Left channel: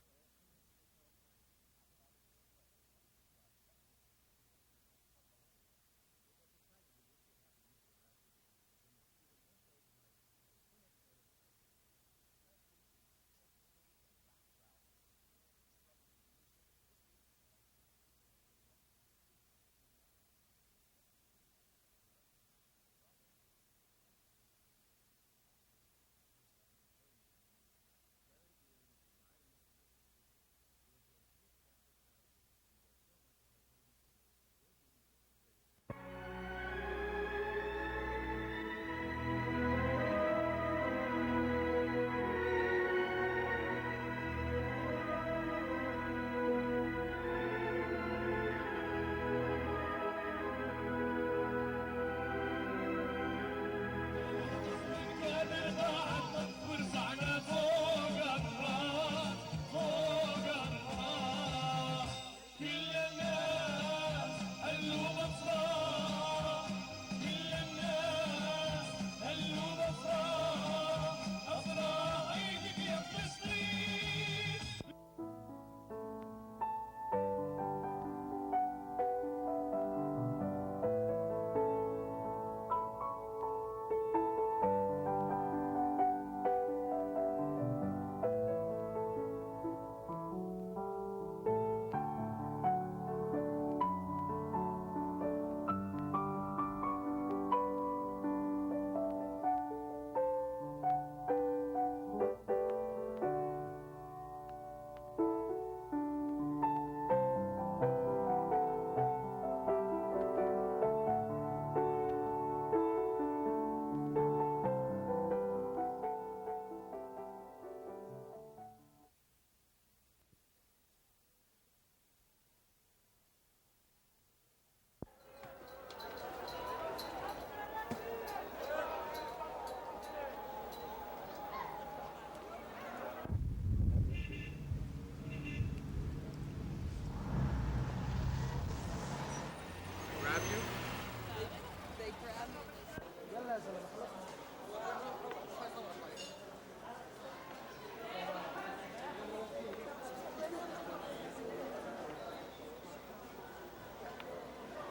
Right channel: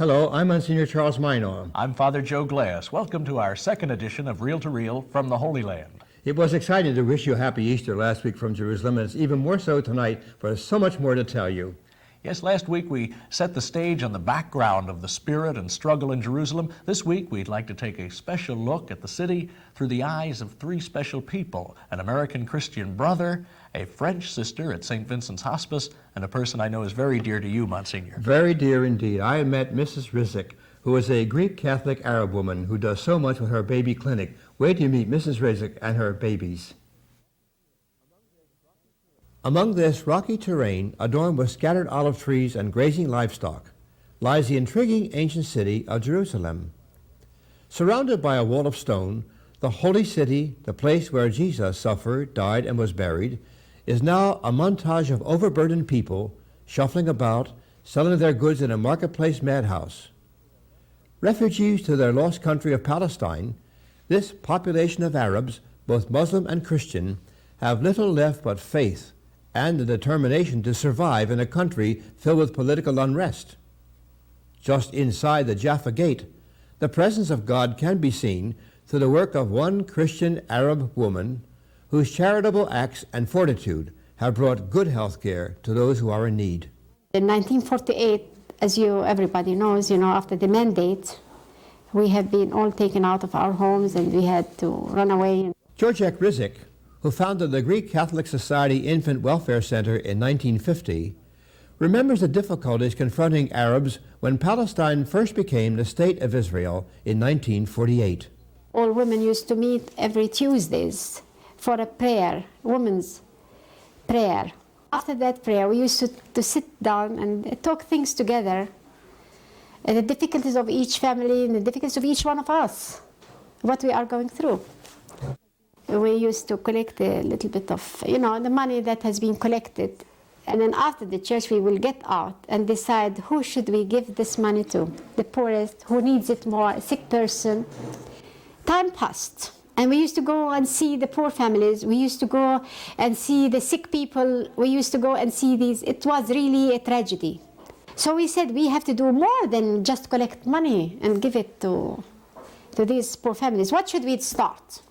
Hello, I'm Monsignor Charles Minor. I'm Father Joe Glass. Welcome to our second edition of Reel to Reel from the Holy Land. It was exciting to wish you a happy Easter last week from Jerusalem, and it's even more so tonight, for there's so much more to tell you. Yes, last week we set the stage on the background of the spirit and struggle in Jerusalem. This week we'd like to take a special look at the city through the eyes of three special people: an American Christian brother, a French sister at St. Vincent's Hospice, and a person I know is very dear to you, Monsignor. Very dear indeed. I met Mrs. Risik, who is a Greek Catholic Arab woman who does so much with her baby clinic. Wait till you meet Mrs. Risik and her babies. Among this rocky terrain, adorned with scattered olive trees and grazing livestock, lies the intriguing ancient city of Jerusalem. Surrounded by a wall of stone, the holy city, the place where Jesus suffered, died, and was buried, is now a montage of overburdened people shuffling about, selling their goods in a marketplace madhouse. Refugees to their lost country of Palestine, this population of Arabs, both Muslim and Christian, have little left but faith and the determination to survive in a country filled with political unrest. Just inside the Jaffa Gate, the presence of God can be seen through the work of one Christian Arab woman whose charitable acts and fortitude have brought good health care to those who are in need. In 1948, as everybody knows, after the mandate, we have been all taken out of our homes and we had to run away. Georgette Risik, who founded the Greek Catholic Society Infant Welfare Center in 1950, remembers the difficulties confronting Arabs when Palestine first became the State of Israel in 1948. All women used to meet every Tuesdays for a prayer, women's prayer. After that prayer, we used to sit down and talk things together, and the difficulties of each family and the difficulties of each one of us, what we are going through. We used to collect a little bit of, the money that has been collected. And then after the church, we will get out and decide who should we give this money to. The poorest, who needs it more, a sick person. Time passed. And we used to go and see the poor families. We used to go and see the sick people. We used to go and see these. It was really a tragedy. So we said we have to do more than just collect money and give it to these poor families. What should we start?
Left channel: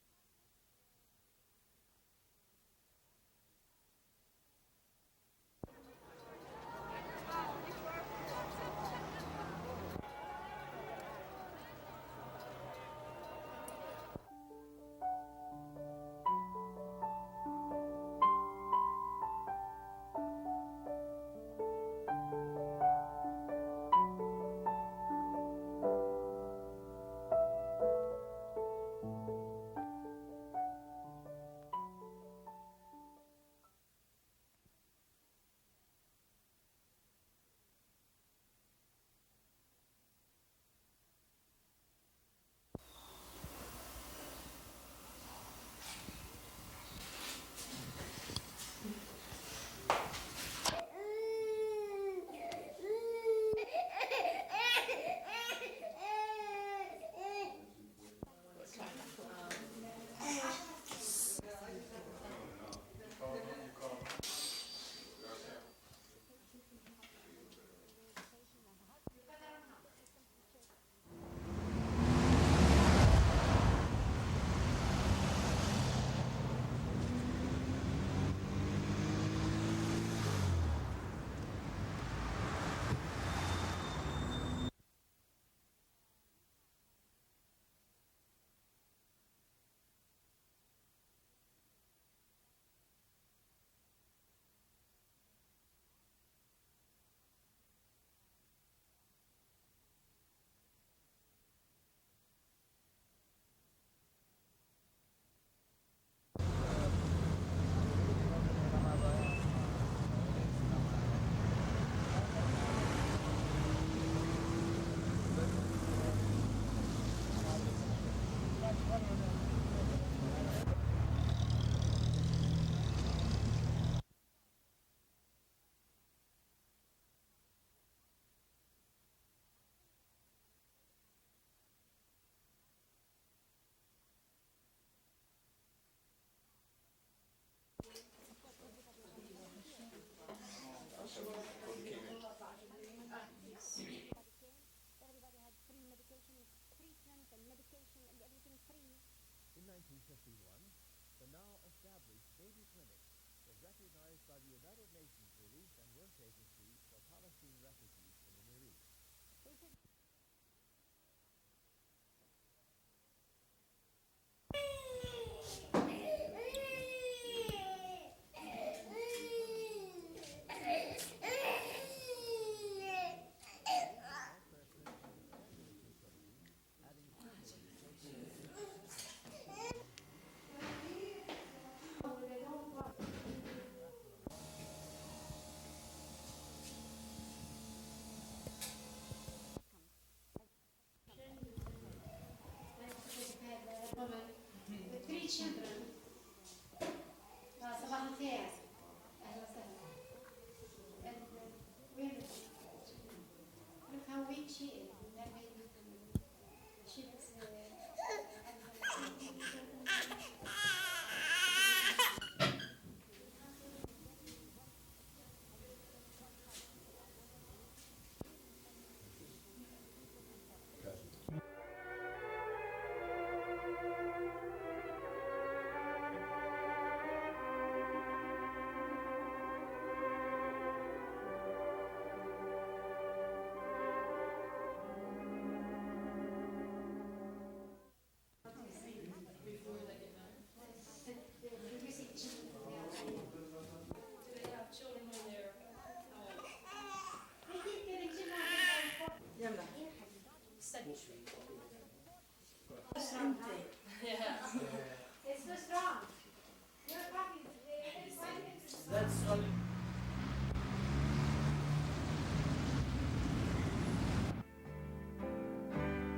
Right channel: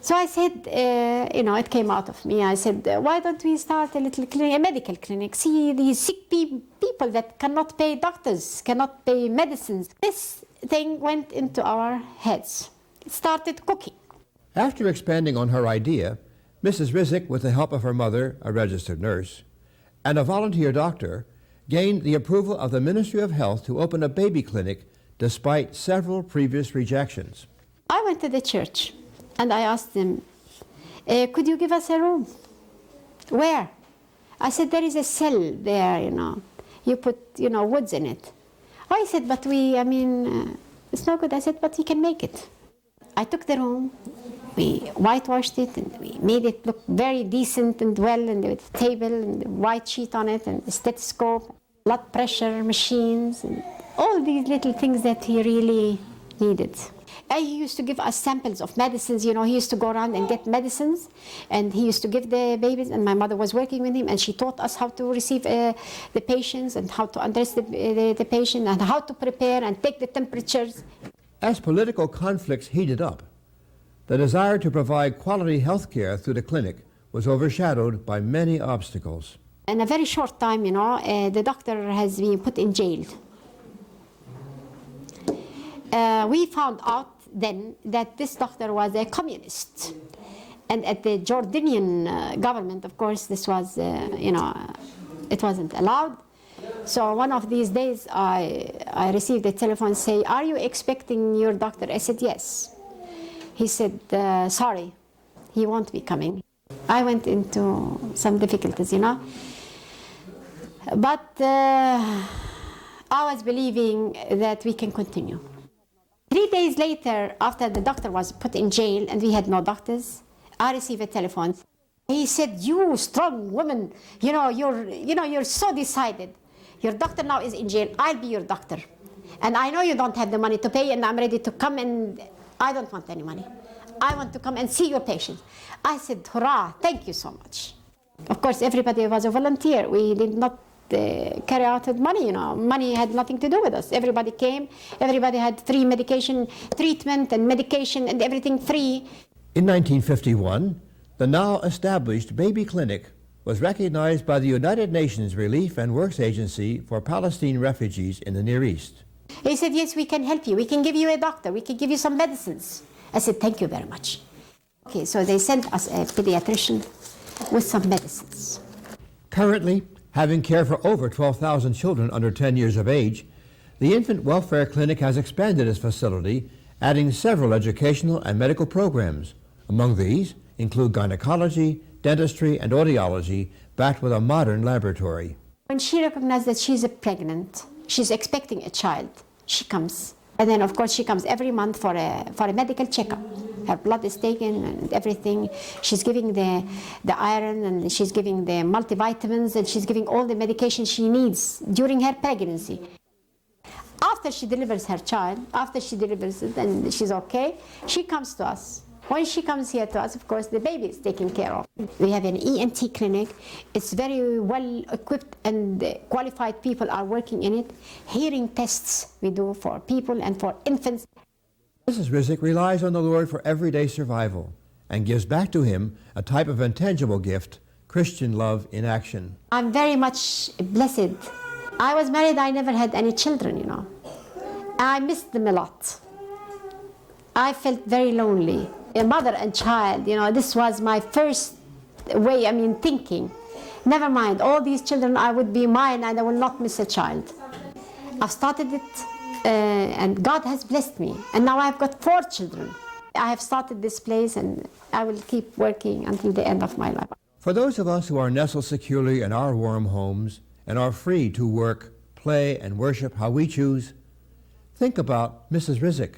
So I said, it came out of me. I said, why don't we start a little clinic, a medical clinic? See these sick people that cannot pay doctors, cannot pay medicines. This thing went into our heads. It started cooking. After expanding on her idea, Mrs. Risik, with the help of her mother, a registered nurse, and a volunteer doctor, gained the approval of the Ministry of Health to open a baby clinic despite several previous rejections. I went to the church. And I asked them, could you give us a room? Where? I said, there is a cell there, You put, woods in it. Oh, I said, but it's no good. I said, but we can make it. I took the room, we whitewashed it, and we made it look very decent and well, and the table, and the white sheet on it, and the stethoscope, blood pressure machines, and all these little things that he really needed. He used to give us samples of medicines, he used to go around and get medicines, and he used to give the babies, and my mother was working with him, and she taught us how to receive the patients, and how to undress the patient, and how to prepare and take the temperatures. As political conflicts heated up, the desire to provide quality health care through the clinic was overshadowed by many obstacles. In a very short time, the doctor has been put in jail. We found out then that this doctor was a communist. And at the Jordanian government, of course, this was, it wasn't allowed. So one of these days, I received a telephone say, are you expecting your doctor? I said, yes. He said, sorry, he won't be coming. I went into some difficulties, But I was believing that we can continue. 3 days later, after the doctor was put in jail and we had no doctors, I received a telephone. He said, you strong woman, you're so decided. Your doctor now is in jail, I'll be your doctor. And I know you don't have the money to pay, and I'm ready to come, and I don't want any money. I want to come and see your patient. I said, hurrah, thank you so much. Of course, everybody was a volunteer. We did not carry out with money, you know. Money had nothing to do with us. Everybody came, everybody had free medication, treatment and medication and everything free. In 1951, the now established baby clinic was recognized by the United Nations Relief and Works Agency for Palestine refugees in the Near East. He said, yes, we can help you. We can give you a doctor. We can give you some medicines. I said, thank you very much. Okay, so they sent us a pediatrician with some medicines. Currently, having care for over 12,000 children under 10 years of age, the Infant Welfare Clinic has expanded its facility, adding several educational and medical programs. Among these include gynecology, dentistry, and audiology, backed with a modern laboratory. When she recognized that she's pregnant, she's expecting a child, she comes. And then, of course, she comes every month for a medical checkup. Her blood is taken and everything. She's giving the iron, and she's giving the multivitamins, and she's giving all the medication she needs during her pregnancy. After she delivers her child, after she delivers it and she's okay, she comes to us. When she comes here to us, of course, the baby is taken care of. We have an ENT clinic. It's very well equipped, and qualified people are working in it. Hearing tests we do for people and for infants. Mrs. Risik relies on the Lord for everyday survival and gives back to Him a type of intangible gift, Christian love in action. I'm very much blessed. I was married, I never had any children, you know. I missed them a lot. I felt very lonely. A mother and child, you know, this was my first way, thinking. Never mind, all these children, I would be mine and I will not miss a child. I've started it, and God has blessed me. And now I've got 4 children. I have started this place, and I will keep working until the end of my life. For those of us who are nestled securely in our warm homes and are free to work, play, and worship how we choose, think about Mrs. Risik.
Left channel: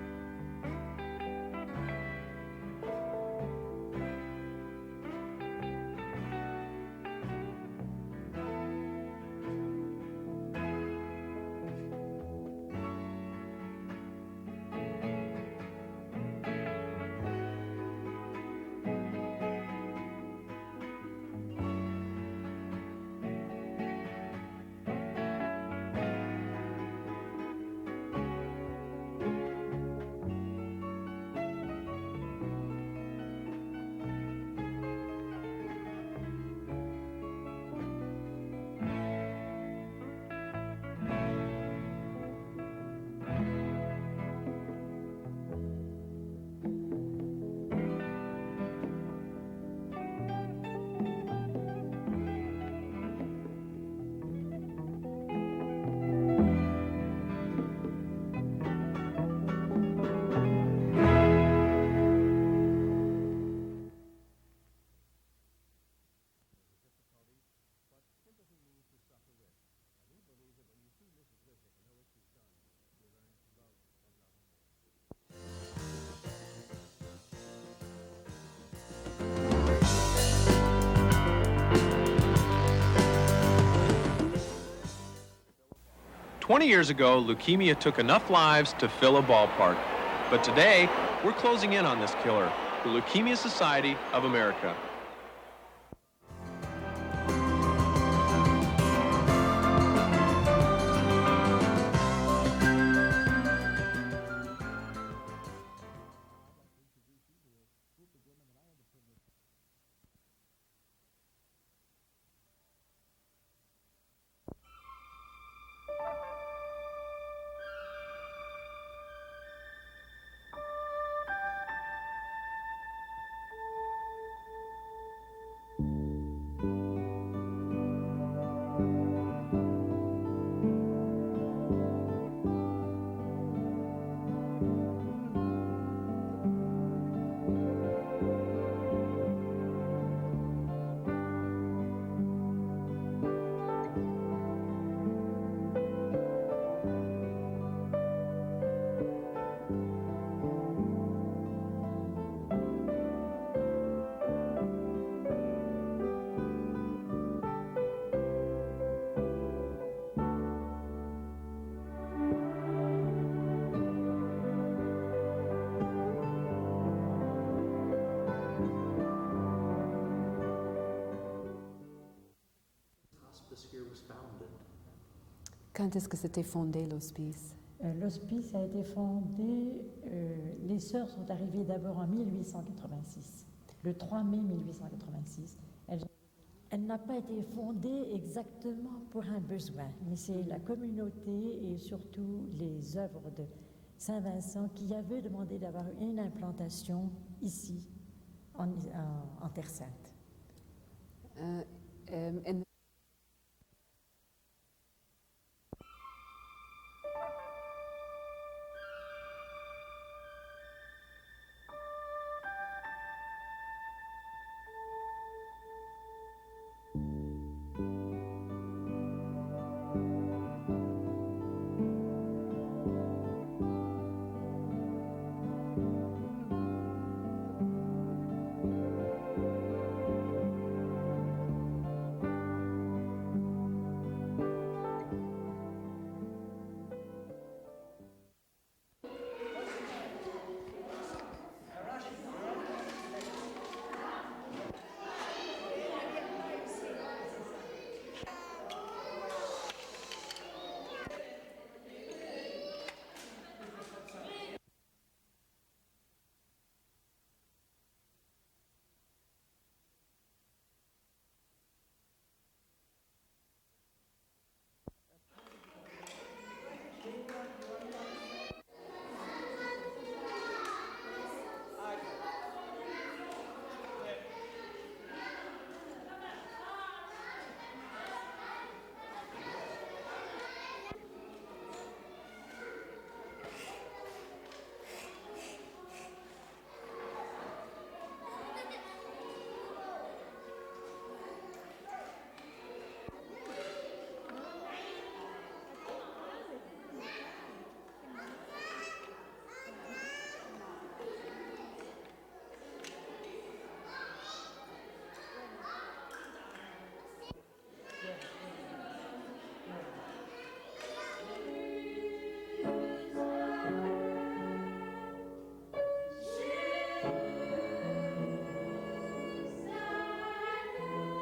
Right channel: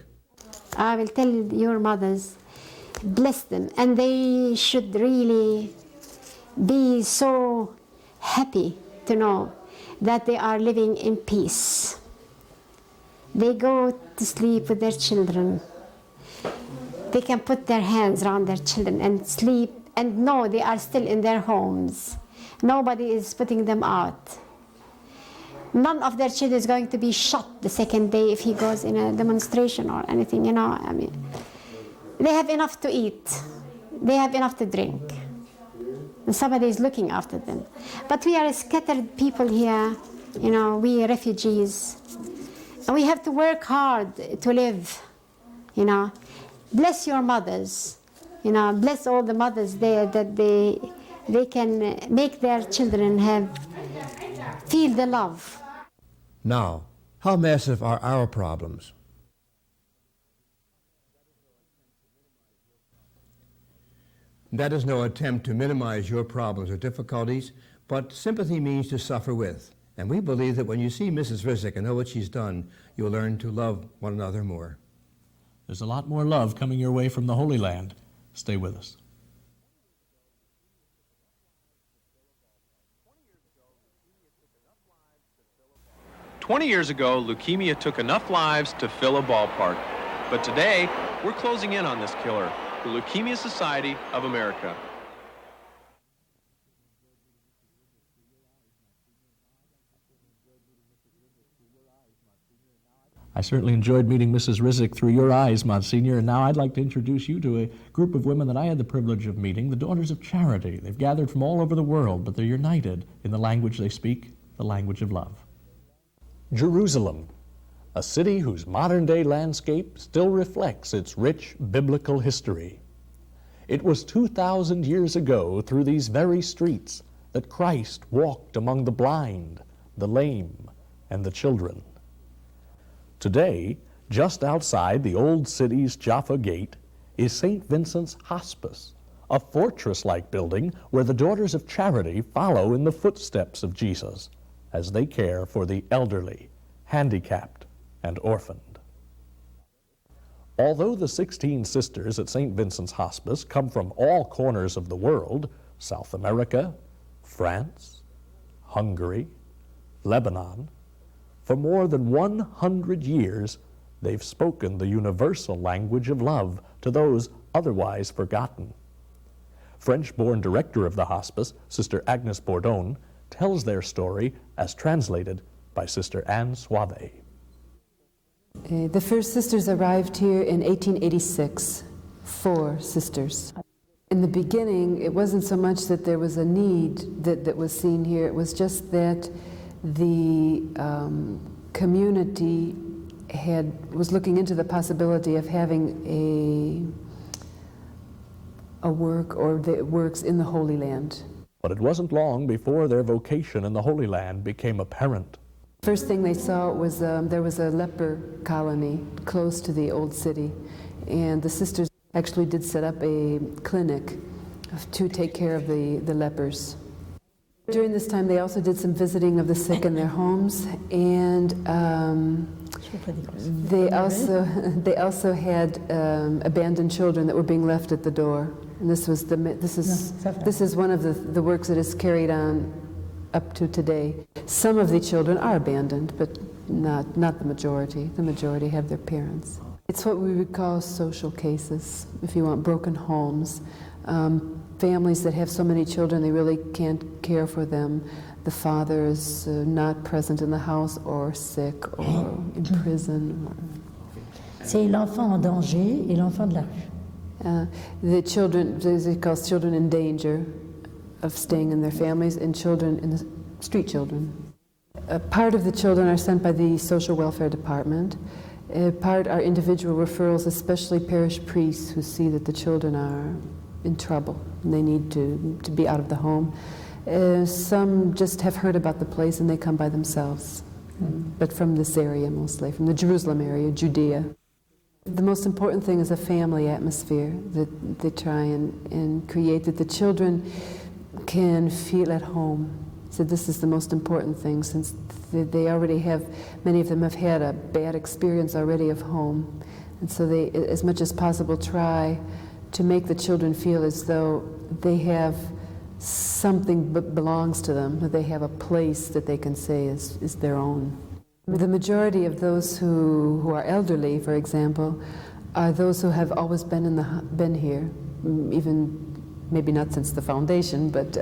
I will tell your mothers, bless them, and they should really be so happy to know that they are living in peace. They go to sleep with their children. They can put their hands around their children and sleep and know they are still in their homes. Nobody is putting them out. None of their children is going to be shot the second day if he goes in a demonstration or anything, you know. They have enough to eat. They have enough to drink. And somebody is looking after them. But we are scattered people here, you know, we refugees. And we have to work hard to live, you know. Bless your mothers, you know, bless all the mothers there that they can make their children feel the love. Now, how massive are our problems? That is no attempt to minimize your problems or difficulties, but sympathy means to suffer with. And we believe that when you see Mrs. Risik and know what she's done, you'll learn to love one another more. There's a lot more love coming your way from the Holy Land. Stay with us. "20 years ago, leukemia took enough lives to fill a ballpark. But today, we're closing in on this killer, the Leukemia Society of America. I certainly enjoyed meeting Mrs. Risik through your eyes, Monsignor, and now I'd like to introduce you to a group of women that I had the privilege of meeting, the Daughters of Charity. They've gathered from all over the world, but they're united in the language they speak, the language of love. Jerusalem, a city whose modern-day landscape still reflects its rich biblical history. It was 2,000 years ago through these very streets that Christ walked among the blind, the lame, and the children. Today, just outside the old city's Jaffa Gate is St. Vincent's Hospice, a fortress-like building where the Daughters of Charity follow in the footsteps of Jesus as they care for the elderly, handicapped, and orphaned. Although the 16 sisters at St. Vincent's Hospice come from all corners of the world, South America, France, Hungary, Lebanon, for more than 100 years, they've spoken the universal language of love to those otherwise forgotten. French-born director of the hospice, Sister Agnes Bourdon, tells their story as translated by Sister Anne Suave. The first sisters arrived here in 1886, 4 sisters. In the beginning, it wasn't so much that there was a need that was seen here, it was just that the community was looking into the possibility of having a work or the works in the Holy Land. But it wasn't long before their vocation in the Holy Land became apparent. First thing they saw was there was a leper colony close to the old city, and the sisters actually did set up a clinic to take care of the lepers. During this time, they also did some visiting of the sick in their homes, and they also had abandoned children that were being left at the door. And this is one of the works that is carried on up to today. Some of the children are abandoned, but not the majority. The majority have their parents. It's what we would call social cases, if you want, broken homes. Families that have so many children they really can't care for them. The father is not present in the house, or sick, or in prison. C'est l'enfant en danger et l'enfant de la rue. The children, they call children in danger of staying in their families, and children in the street children. Part of the children are sent by the social welfare department. Part are individual referrals, especially parish priests who see that the children are in trouble and they need to be out of the home. Some just have heard about the place and they come by themselves, but from this area mostly, from the Jerusalem area, Judea. The most important thing is a family atmosphere that they try and create, that the children can feel at home. So this is the most important thing, since they already have, many of them have had a bad experience already of home. And so they, as much as possible, try to make the children feel as though they have something that belongs to them, that they have a place that they can say is their own. The majority of those who are elderly, for example, are those who have always been here, even maybe not since the foundation, but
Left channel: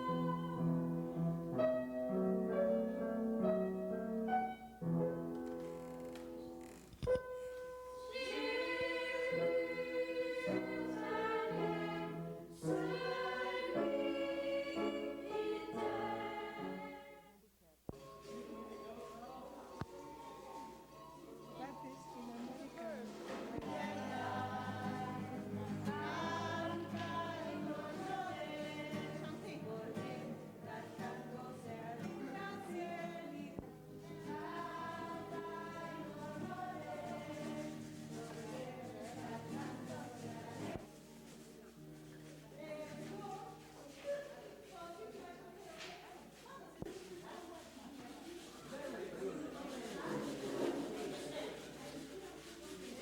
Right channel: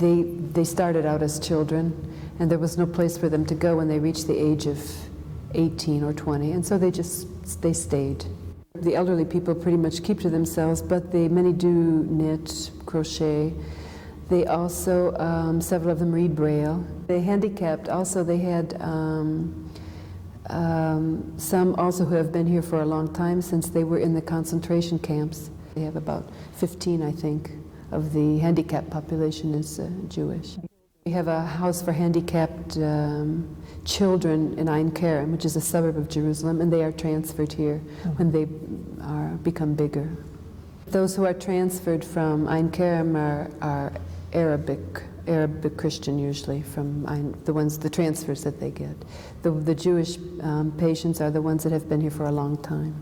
they started out as children, and there was no place for them to go when they reached the age of 18 or 20, and so they stayed. The elderly people pretty much keep to themselves, but many do knit, crochet. They also, several of them read Braille. They handicapped, also they had some also who have been here for a long time, since they were in the concentration camps. They have about 15, I think, of the handicapped population is Jewish. We have a house for handicapped children in Ein Kerem, which is a suburb of Jerusalem, and they are transferred here when they become bigger. Those who are transferred from Ein Kerem are Arabic Christian, usually, from the transfers that they get. The Jewish patients are the ones that have been here for a long time.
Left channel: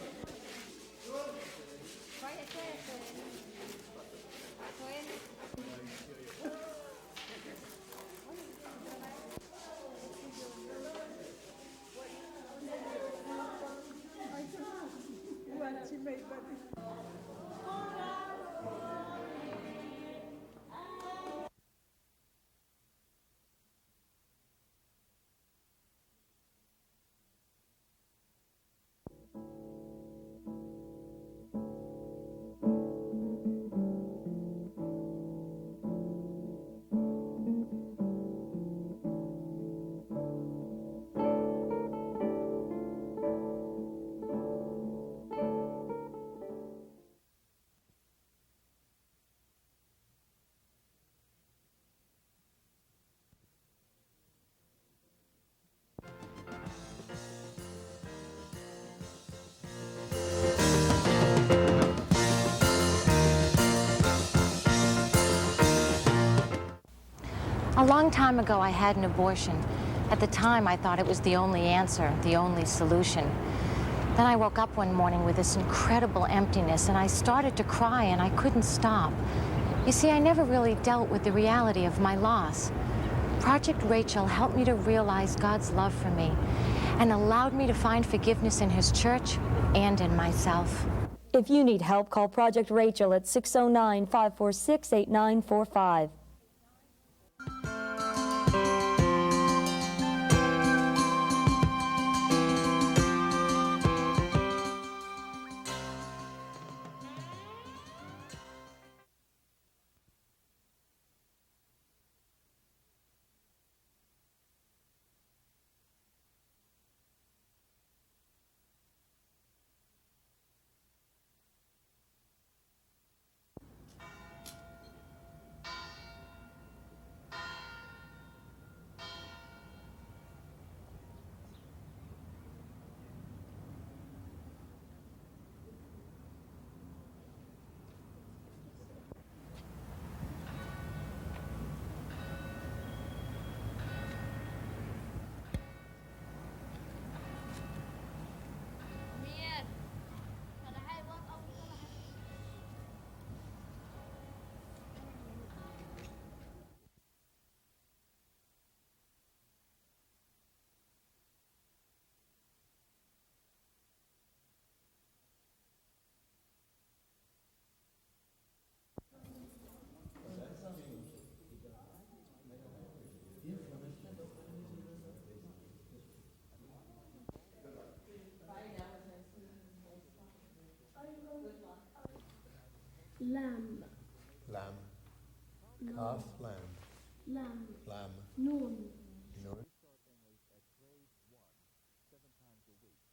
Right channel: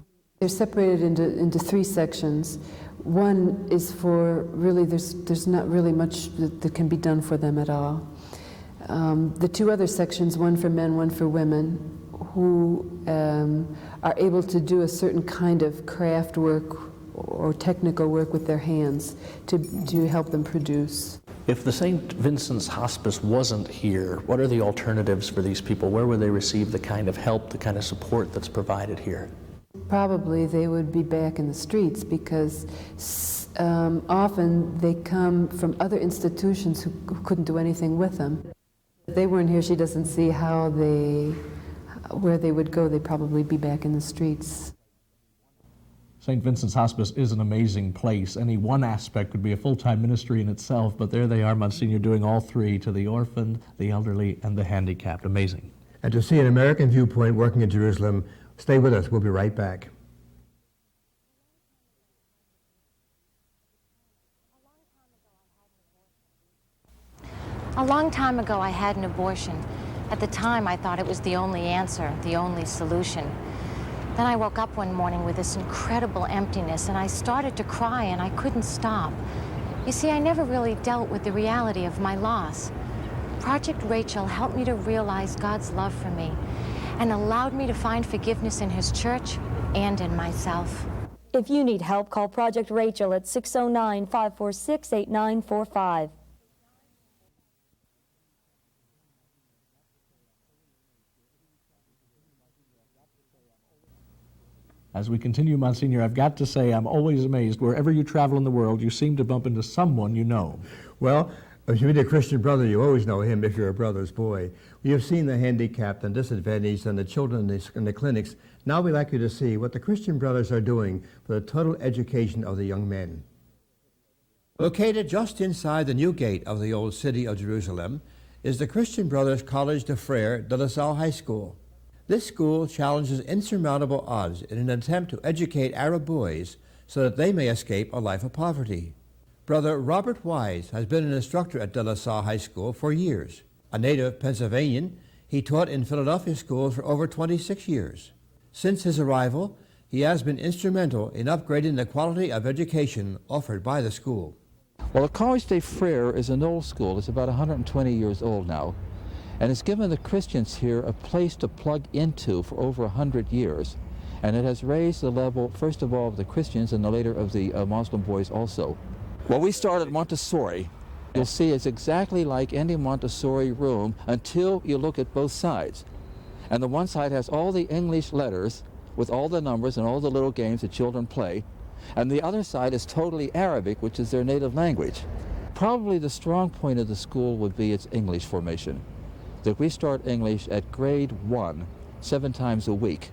They're separated into 3 sections. One is for really, there's not really much that can be done for them at all. The 2 other sections, one for men, one for women, who are able to do a certain kind of craft work or technical work with their hands to help them produce. If the St. Vincent's Hospice wasn't here, what are the alternatives for these people? Where would they receive the kind of help, the kind of support that's provided here? Probably they would be back in the streets, because often they come from other institutions who couldn't do anything with them. If they weren't here, she doesn't see where they would go. They'd probably be back in the streets. St. Vincent's Hospice is an amazing place. Any one aspect could be a full-time ministry in itself, but there they are, Monsignor, doing all 3, to the orphaned, the elderly, and the handicapped. Amazing. And to see an American viewpoint working in Jerusalem, stay with us. We'll be right back. A long time ago, I had an abortion. At the time, I thought it was the only answer, the only solution. Then I woke up one morning with this incredible emptiness, and I started to cry, and I couldn't stop. You see, I never really dealt with the reality of my loss. Project Rachel helped me to realize God's love for me and allowed me to find forgiveness in His church and in myself. If you need help, call Project Rachel at 609-546-8945. we continue, Monsignor, I've got to say I'm always amazed. Wherever you travel in the world, you seem to bump into someone you know. Well, if you meet a Christian brother, you always know him if you're a brother's boy. We have seen the handicapped and disadvantaged and the children in the clinics. Now we'd like you to see what the Christian brothers are doing for the total education of the young men. Located just inside the new gate of the old city of Jerusalem is the Christian Brothers College de Frères de La Salle High School. This school challenges insurmountable odds in an attempt to educate Arab boys so that they may escape a life of poverty. Brother Robert Wise has been an instructor at De La Salle High School for years. A native Pennsylvanian, he taught in Philadelphia schools for over 26 years. Since his arrival, he has been instrumental in upgrading the quality of education offered by the school. Well, the College des Frères is an old school. It's about 120 years old now, and it's given the Christians here a place to plug into for over 100 years, and it has raised the level, first of all, of the Christians and later of the Muslim boys also. Well, we started Montessori. You'll see it's exactly like any Montessori room until you look at both sides. And the one side has all the English letters with all the numbers and all the little games that children play. And the other side is totally Arabic, which is their native language. Probably the strong point of the school would be its English formation. That we start English at grade 1, 7 times a week.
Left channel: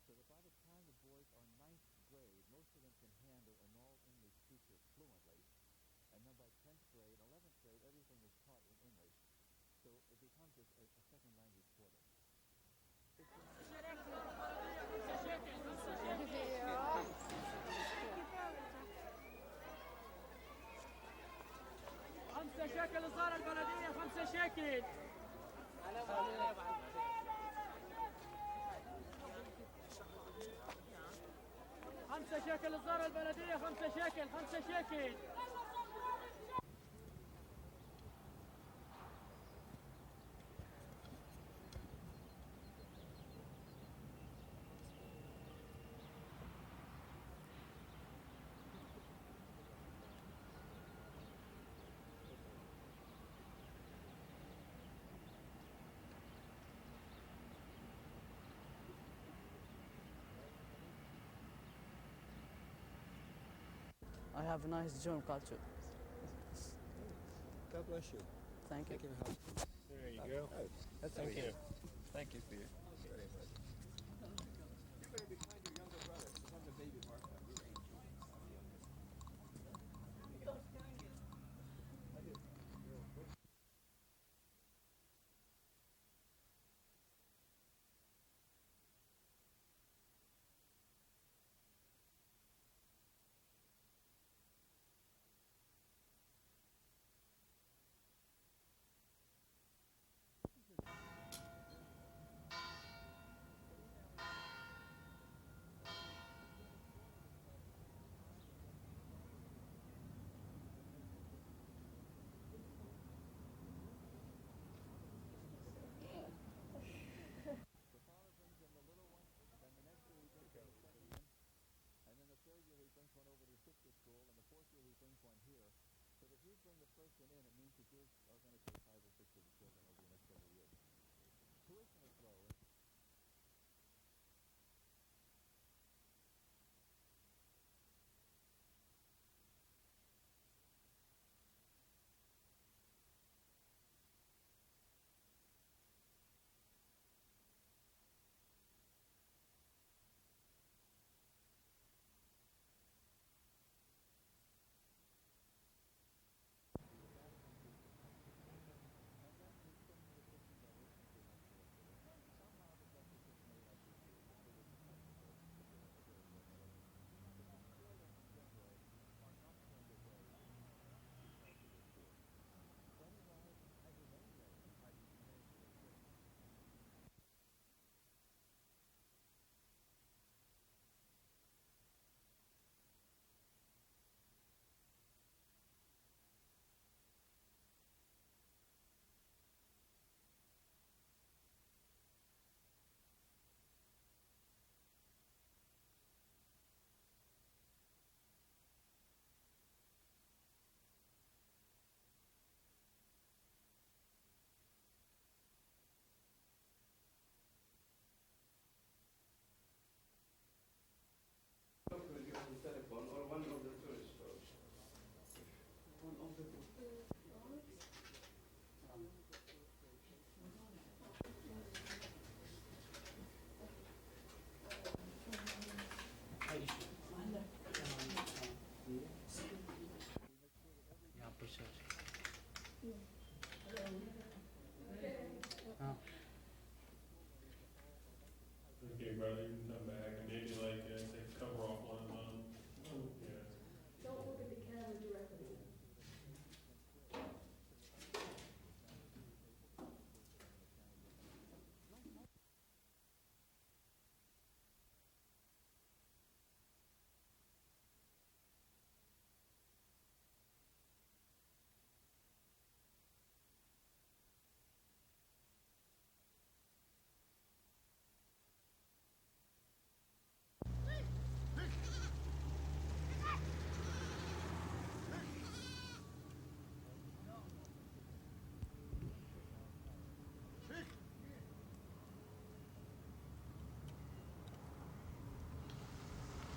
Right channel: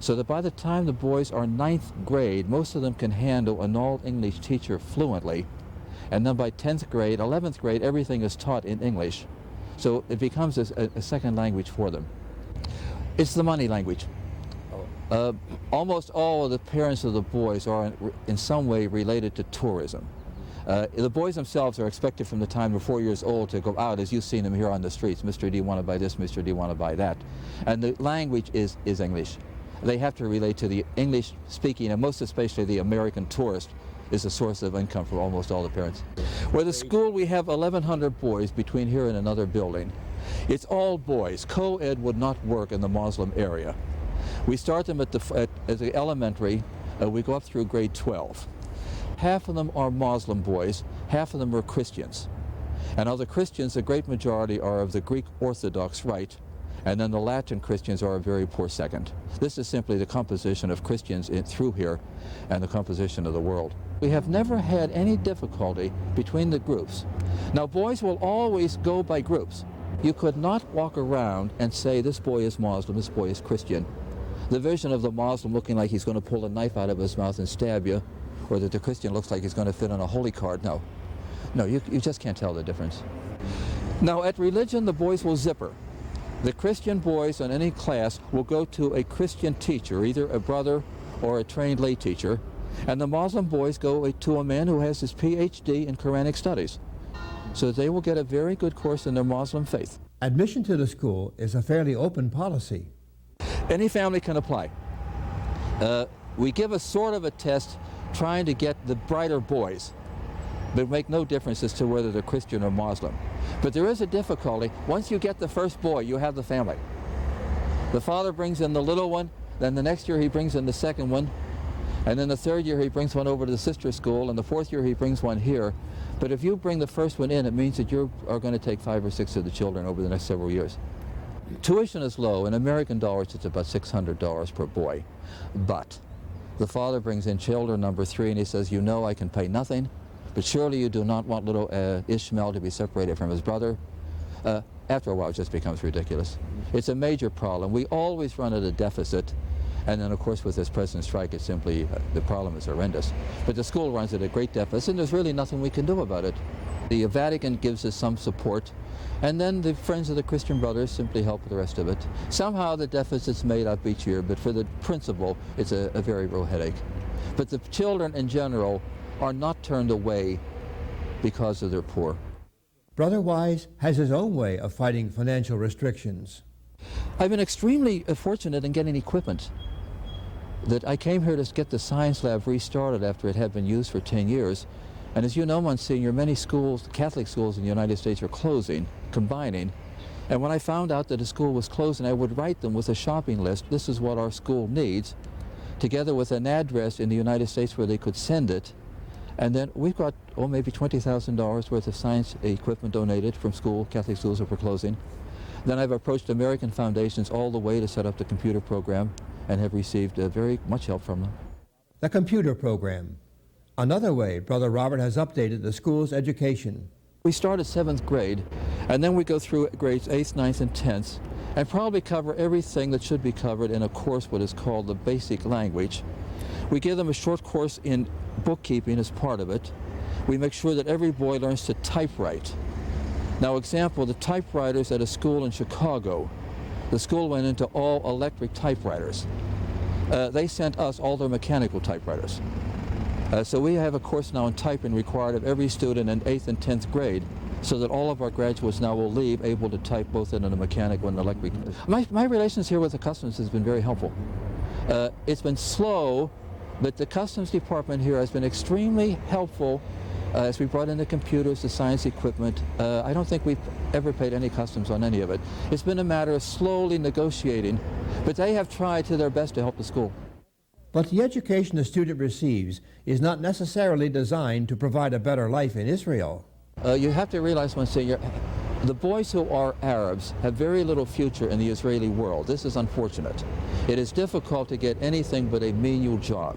So that by the time the boys are 9th grade, most of them can handle an all-English teacher fluently. And then by 10th grade, 11th grade, everything is taught in English. So it becomes a second language for them. It's the money language. Almost all of the parents of the boys are in some way related to tourism. The boys themselves are expected from the time they're 4 years old to go out, as you've seen them here on the streets. Mr., do you want to buy this? Mr., do you want to buy that? And the language is English. They have to relate to the English speaking, and most especially the American tourist is a source of income for almost all the parents. Where the school, we have 1,100 boys between here and another building. It's all boys. Co-ed would not work in the Muslim area. We start them at the elementary. We go up through grade 12. Half of them are Muslim boys, half of them are Christians. And of the Christians, the great majority are of the Greek Orthodox rite, and then the Latin Christians are a very poor second. This is simply the composition of Christians through here and the composition of the world. We have never had any difficulty between the groups. Now, boys will always go by groups. You could not walk around and say, this boy is Muslim, this boy is Christian. The vision of the Muslim looking like he's going to pull a knife out of his mouth and stab you, or that the Christian looks like he's going to fit on a holy card. No, you just can't tell the difference. Now, at religion, the boys will zipper. The Christian boys in any class will go to a Christian teacher, either a brother or a trained lay teacher, and the Muslim boys go to a man who has his PhD in Quranic studies. So they will get a very good course in their Muslim faith. Admission to the school is a fairly open policy. Any family can apply. We give a sort of a test trying to get the brighter boys, but make no difference as to whether they're Christian or Muslim. But there is a difficulty. Once you get the first boy, you have the family. The father brings in the little one, then the next year he brings in the second one, and then the third year he brings one over to the sister school, and the fourth year he brings one here. But if you bring the first one in, it means that you are going to take 5 or 6 of the children over the next several years. Tuition is low. In American dollars, it's about $600 per boy. But the father brings in children number 3, and he says, you know I can pay nothing, but surely you do not want little Ishmael to be separated from his brother. After a while, it just becomes ridiculous. It's a major problem. We always run at a deficit. And then, of course, with this present strike, it's simply, the problem is horrendous. But the school runs at a great deficit, and there's really nothing we can do about it. The Vatican gives us some support, and then the Friends of the Christian Brothers simply help with the rest of it. Somehow the deficit's made up each year, but for the principal, it's a very real headache. But the children in general are not turned away because of their poor. Brother Wise has his own way of fighting financial restrictions. I've been extremely fortunate in getting equipment. That I came here to get the science lab restarted after it had been used for 10 years. And as you know, Monsignor, many schools, Catholic schools in the United States are closing, combining. And when I found out that a school was closing, I would write them with a shopping list. This is what our school needs, together with an address in the United States where they could send it. And then we've got, maybe $20,000 worth of science equipment donated from Catholic schools that were closing. Then I've approached American foundations all the way to set up the computer program and have received very much help from them. The computer program. Another way Brother Robert has updated the school's education. We start at 7th grade, and then we go through grades 8th, 9th, and 10th, and probably cover everything that should be covered in a course what is called the basic language. We give them a short course in bookkeeping as part of it. We make sure that every boy learns to typewrite. Now, example, the typewriters at a school in Chicago, the school went into all electric typewriters. They sent us all their mechanical typewriters. So we have a course now in typing required of every student in 8th and 10th grade, so that all of our graduates now will leave able to type both in a mechanical and electric. My relations here with the customs has been very helpful. It's been slow, but the customs department here has been extremely helpful as we brought in the computers, the science equipment. I don't think we've ever paid any customs on any of it. It's been a matter of slowly negotiating, but they have tried to their best to help the school. But the education the student receives is not necessarily designed to provide a better life in Israel. You have to realize one thing, the boys who are Arabs have very little future in the Israeli world. This is unfortunate. It is difficult to get anything but a menial job.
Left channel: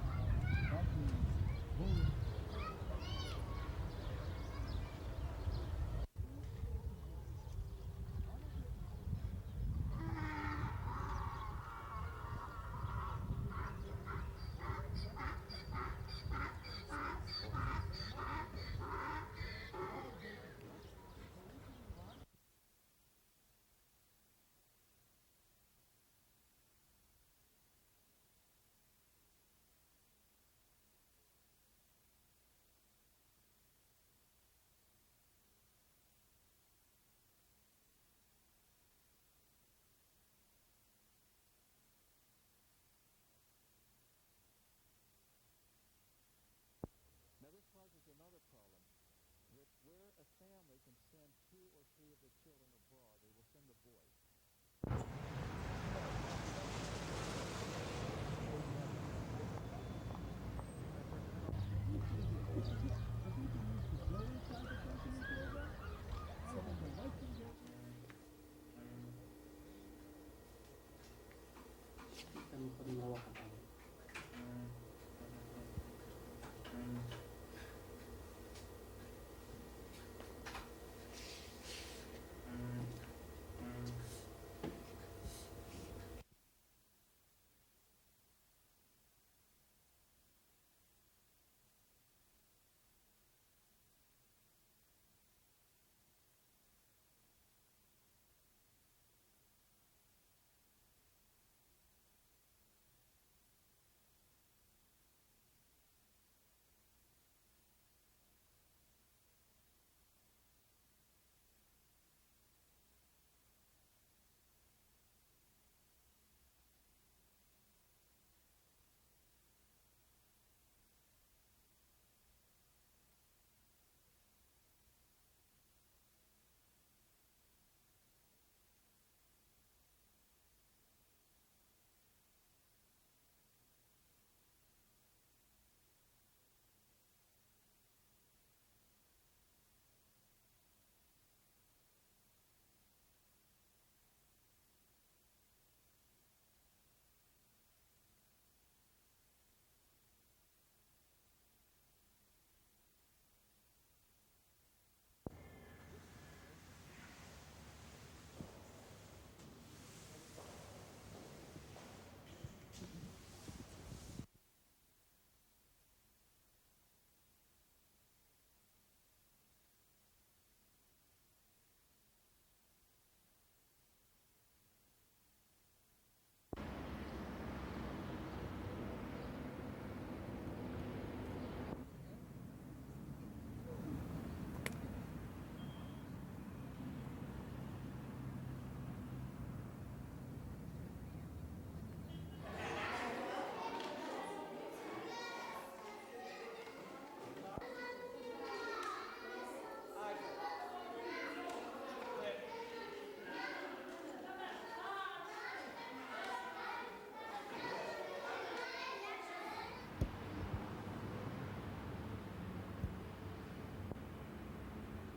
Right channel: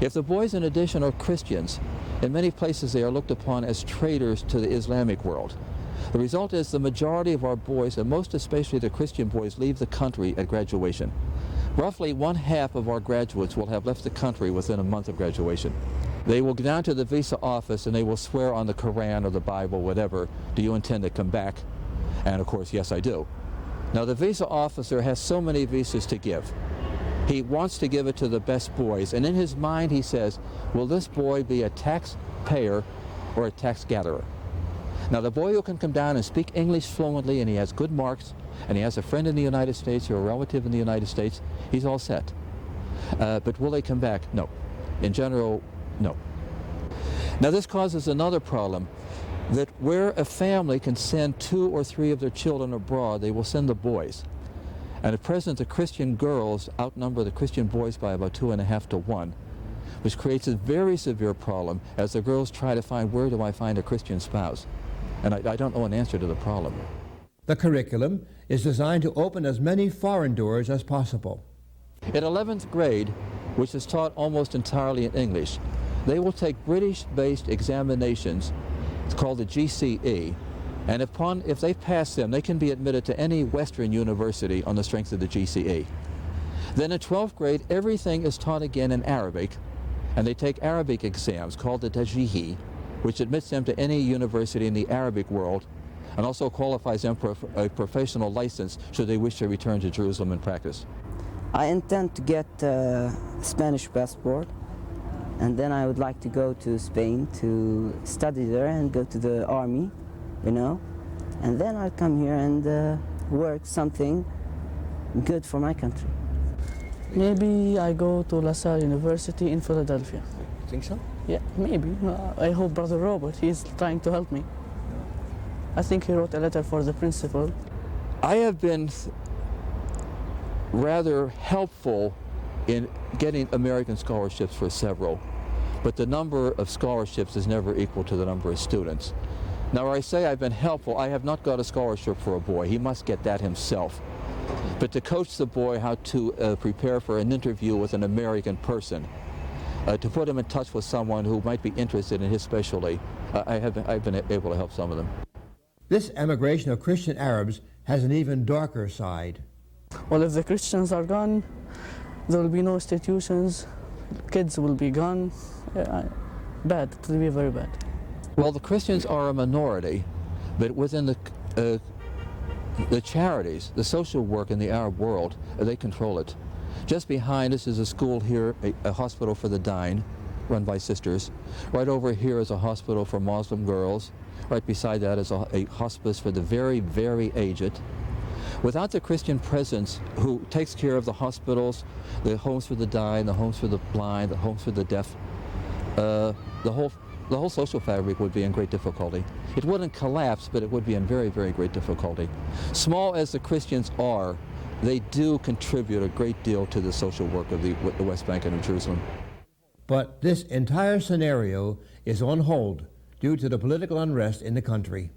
If the boys in addition are Christians, in many places they are looked upon as traitors to the Islamic world. The result is the majority of our boys, and most especially the Christian boys, leave the country at graduation. Roughly 1/2 of our graduates will have left the country within a month of graduation. They will go down to the visa office and they will swear on the Quran or the Bible, whatever, do you intend to come back? And of course, yes, I do. Now the visa officer has so many visas to give. He wants to give it to the best boys, and in his mind he says, will this boy be a taxpayer or a tax gatherer? Now the boy who can come down and speak English fluently and he has good marks and he has a friend in the United States or a relative in the United States, he's all set. But will they come back? No. In general, no. Now this causes another problem, that where a family can send 2 or 3 of their children abroad, they will send the boys. And at present the Christian girls outnumber the Christian boys by about 2.5 to 1, which creates a very severe problem as the girls try to find, where do I find a Christian spouse? And I don't know an answer to the problem. The curriculum is designed to open as many foreign doors as possible. In 11th grade, which is taught almost entirely in English, they will take British-based examinations, it's called the GCE, and if they pass them, they can be admitted to any Western university on the strength of the GCE. Then in 12th grade, everything is taught again in Arabic, and they take Arabic exams called the Tajihi, which admits them to any university in the Arabic world, and also qualifies them for a professional license should they wish to return to Jerusalem and practice. I intend to get a Spanish passport, and then I would like to go to Spain to study there and go to the army, you know, and then I'll come here and work something good for my country. Maybe I go to La Salle University in Philadelphia. You think so? Yeah, maybe. I hope Brother Robert, he's trying to help me. I think he wrote a letter for the principal. I have been rather helpful in getting American scholarships for several, but the number of scholarships is never equal to the number of students. Now, where I say I've been helpful, I have not got a scholarship for a boy. He must get that himself. But to coach the boy how to prepare for an interview with an American person, to put him in touch with someone who might be interested in his specialty, I've been able to help some of them. This emigration of Christian Arabs has an even darker side. Well, if the Christians are gone, there will be no institutions, kids will be gone. Bad, it will be very bad. Well, the Christians are a minority, but within the charities, the social work in the Arab world, they control it. Just behind us is a school here, a hospital for the dying, run by sisters. Right over here is a hospital for Muslim girls. Right beside that is a hospice for the very, very aged. Without the Christian presence who takes care of the hospitals, the homes for the dying, the homes for the blind, the homes for the deaf, the whole social fabric would be in great difficulty. It wouldn't collapse, but it would be in very, very great difficulty. Small as the Christians are, they do contribute a great deal to the social work of the West Bank and of Jerusalem. But this entire scenario is on hold due to the political unrest in the country.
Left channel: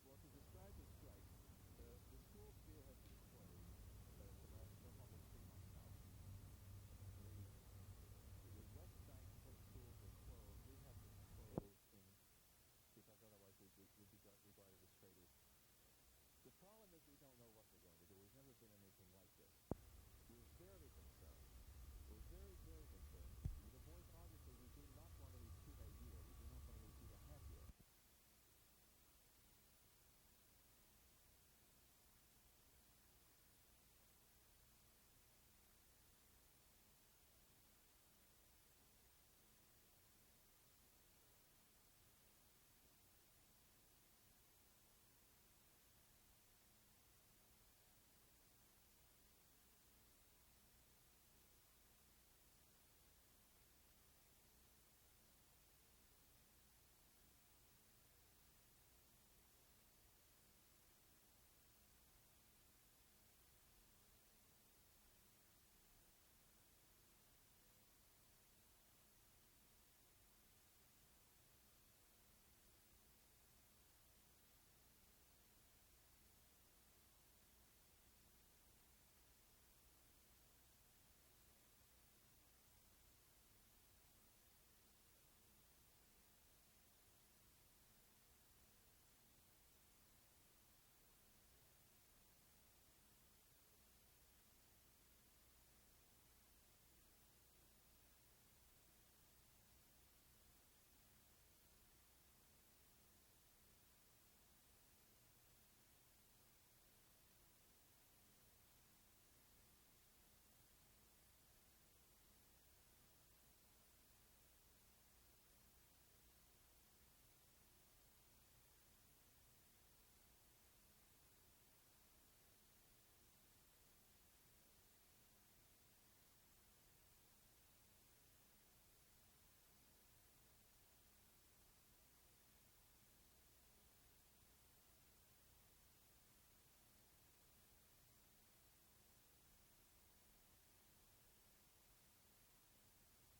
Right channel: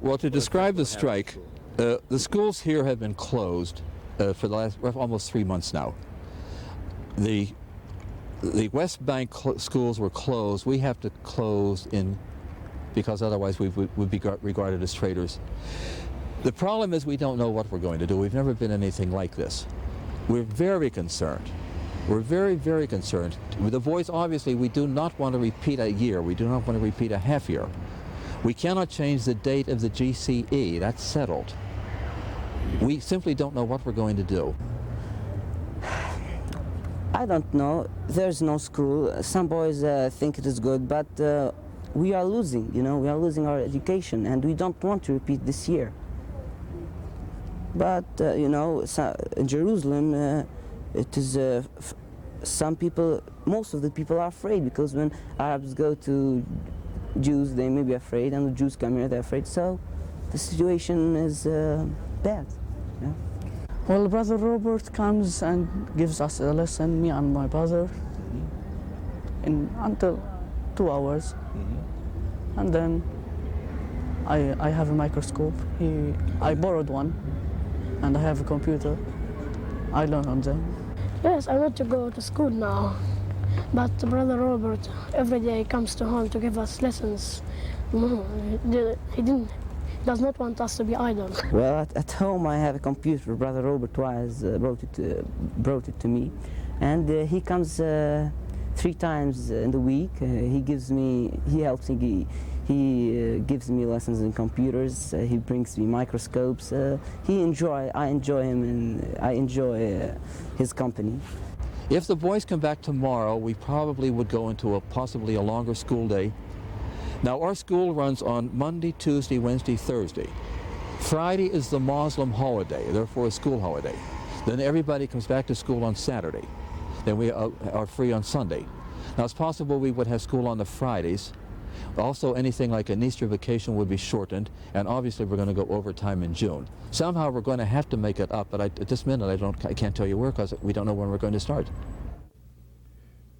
Well, to describe the strike, The schools here have been closed for the last almost 3 months now. The West Bank schools were closed. We have to close because otherwise we would be regarded as traitors. The problem is we don't know what we're going to do. We've never been anything like this. We're very concerned. We're very, very concerned. With the boys, obviously, we do not want to repeat a year. We do not want to repeat a half year. We cannot change the date of the GCE. That's settled. We simply don't know what we're going to do. I don't know. There's no school. Some boys think it is good, but we are losing, you know, we are losing our education, and we don't want to repeat this year. But, you know, in Jerusalem, it is, some people, most of the people are afraid, because when Arabs go to Jews, they may be afraid, and the Jews come here, they're afraid. So the situation is bad. Yeah. Well, Brother Robert comes and gives us a lesson, me and my brother, until 2 hours. And then I have a microscope. I borrowed one, and I have a computer. I learn on them. Yes, I want to go to school now, but Brother Robert every day comes to home to give us lessons. No, he does not want us to be idle. Well, at home I have a computer. Brother Robert twice brought it to me, and he comes 3 times in the week. He helps me. He gives me lessons in computers. He brings me microscopes. I enjoy him, and I enjoy his company. If the boys come back tomorrow, we probably would go into possibly a longer school day. Now, our school runs on Monday, Tuesday, Wednesday, Thursday. Friday is the Muslim holiday, therefore a school holiday. Then everybody comes back to school on Saturday. Then we are free on Sunday. Now, it's possible we would have school on the Fridays. Also, anything like an Easter vacation would be shortened, and obviously we're going to go overtime in June. Somehow we're going to have to make it up, but at this minute I can't tell you where, because we don't know when we're going to start.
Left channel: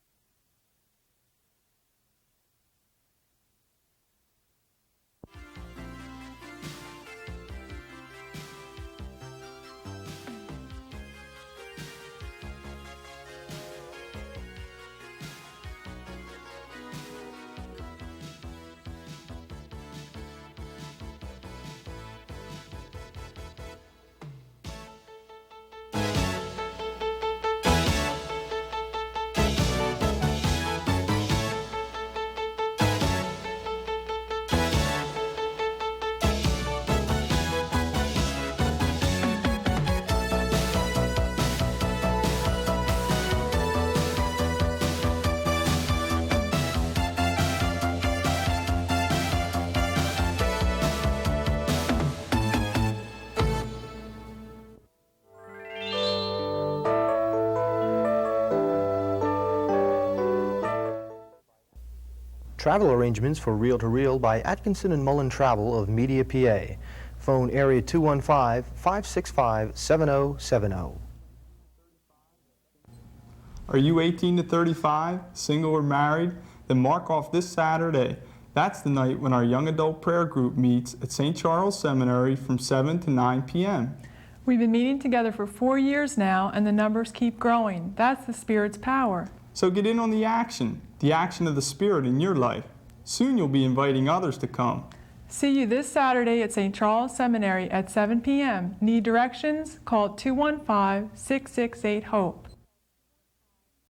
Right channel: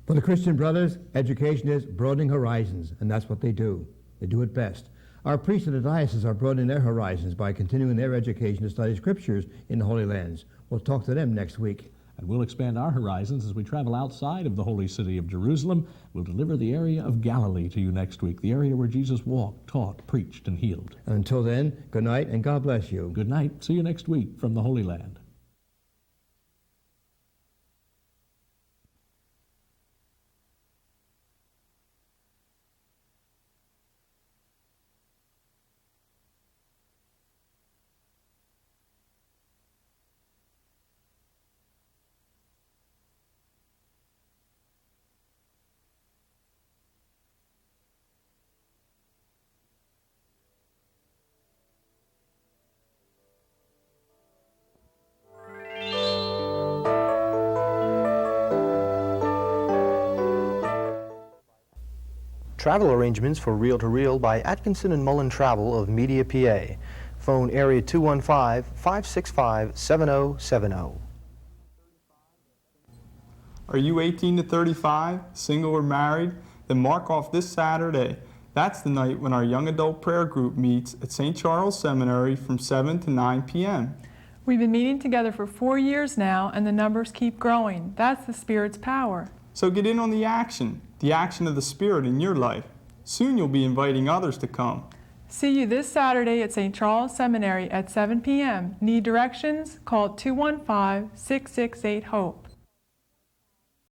For the Christian brothers, education is broadening horizons, and that's what they do. They do it best. Our priests in the diocese are broadening their horizons by continuing their education to study scriptures in the Holy Lands. We'll talk to them next week. And we'll expand our horizons as we travel outside of the holy city of Jerusalem. We'll deliver the area of Galilee to you next week, the area where Jesus walked, taught, preached, and healed. Until then, good night and God bless you. Good night. See you next week from the Holy Land. Travel arrangements for reel-to-reel by Atkinson and Mullen Travel of Media, PA. Phone area 215-565-7070. Are you 18 to 35, single or married? Then mark off this Saturday. That's the night when our young adult prayer group meets at St. Charles Seminary from 7 to 9 p.m. We've been meeting together for 4 years now, and the numbers keep growing. That's the Spirit's power. So get in on the action of the Spirit in your life. Soon you'll be inviting others to come. See you this Saturday at St. Charles Seminary at 7 p.m. Need directions? Call 215-668-HOPE.